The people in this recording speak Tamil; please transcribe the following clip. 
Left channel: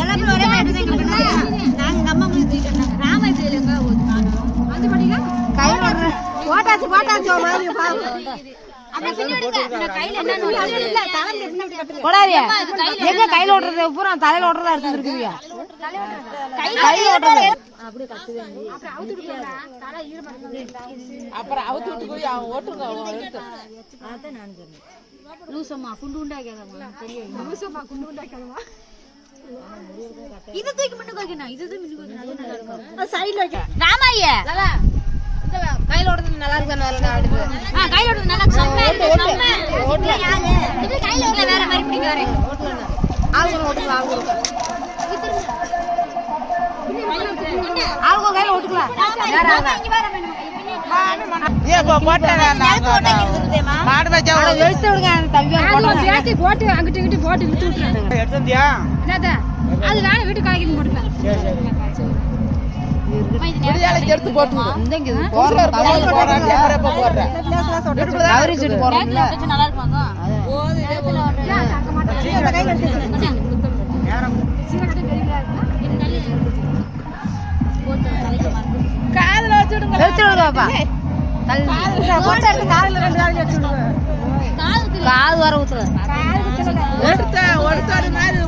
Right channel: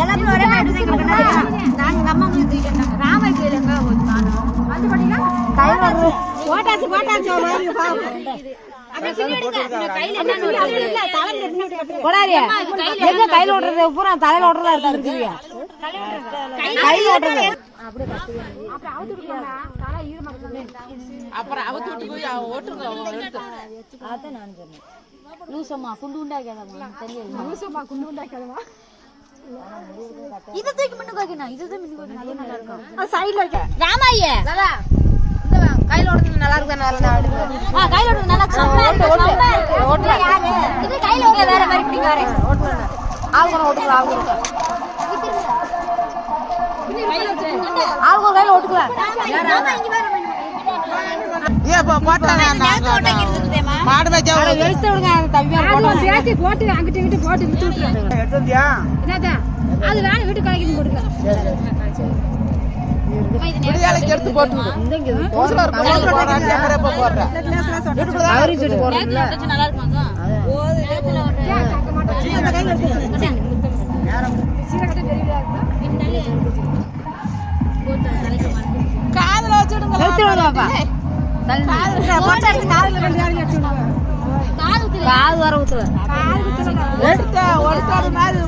எல்லாமே ஒரே மாதிரி நாங்க அம்மா ராமர் கோயிலுங்க வந்து பாத்தீங்கன்னா ஓட்டாச்சு கையில ஓட்டுறது பூரா தலையில ஓட்டுறதா இருக்கு கையில ஓட்டுறது அப்புறம் அவுத்து விட்டு போய் ஓட்டுங்க லூசம்மா குண்டு உண்டாக்காதம்மா லூசம்மா குண்டு உண்டாக்காதம்மா இது தூக்கி மட்டும் வைக்கணும் இதுதான் மின்னு வைக்கணும் அது நல்லா இருக்கும் சைடுல வைக்க ராமாய்யா இந்த கையில ஓடுறது நல்லா இருக்கு நல்லா இருக்கு கையில ஓடுறது நல்லா இருக்கு ஓட்டு இது கையில ஓடுற வேற மாதிரி பிடிக்க வரேன் ஓட்டுங்க ஆளுங்க ஓட்டுக்கலாம் ஆளுங்க கையில ஓட்டுக்கலாம் ராமா இங்க வர ஏ போட்டானே மாடு மேய்ச்சா வெயிட் விடுங்க தம்பியா போட்டு போட்டு அங்கிட்டு இங்கிட்டு போட்டு விட்டு விட்டுறேன் எடுத்தியா என்னடா அது வேற வீட்டு காய்க்கு போடுங்க முடியால எடுத்து போட்டு விடு இங்க போற கேமரா போட்டு அவரேஜ் எடுத்து போறீங்களா நல்லா இருக்குங்க ஓது நேத்துல ஓடுறேன் கையில எடுத்து சீரகட்ட பெரியதா இருக்கும் போட்டு தலைக்கு மாத்தி காதுல வச்சு விடுங்க பாப்பா காது வர ஊத்துல எடுத்த ஒருத்தர் மாதிரி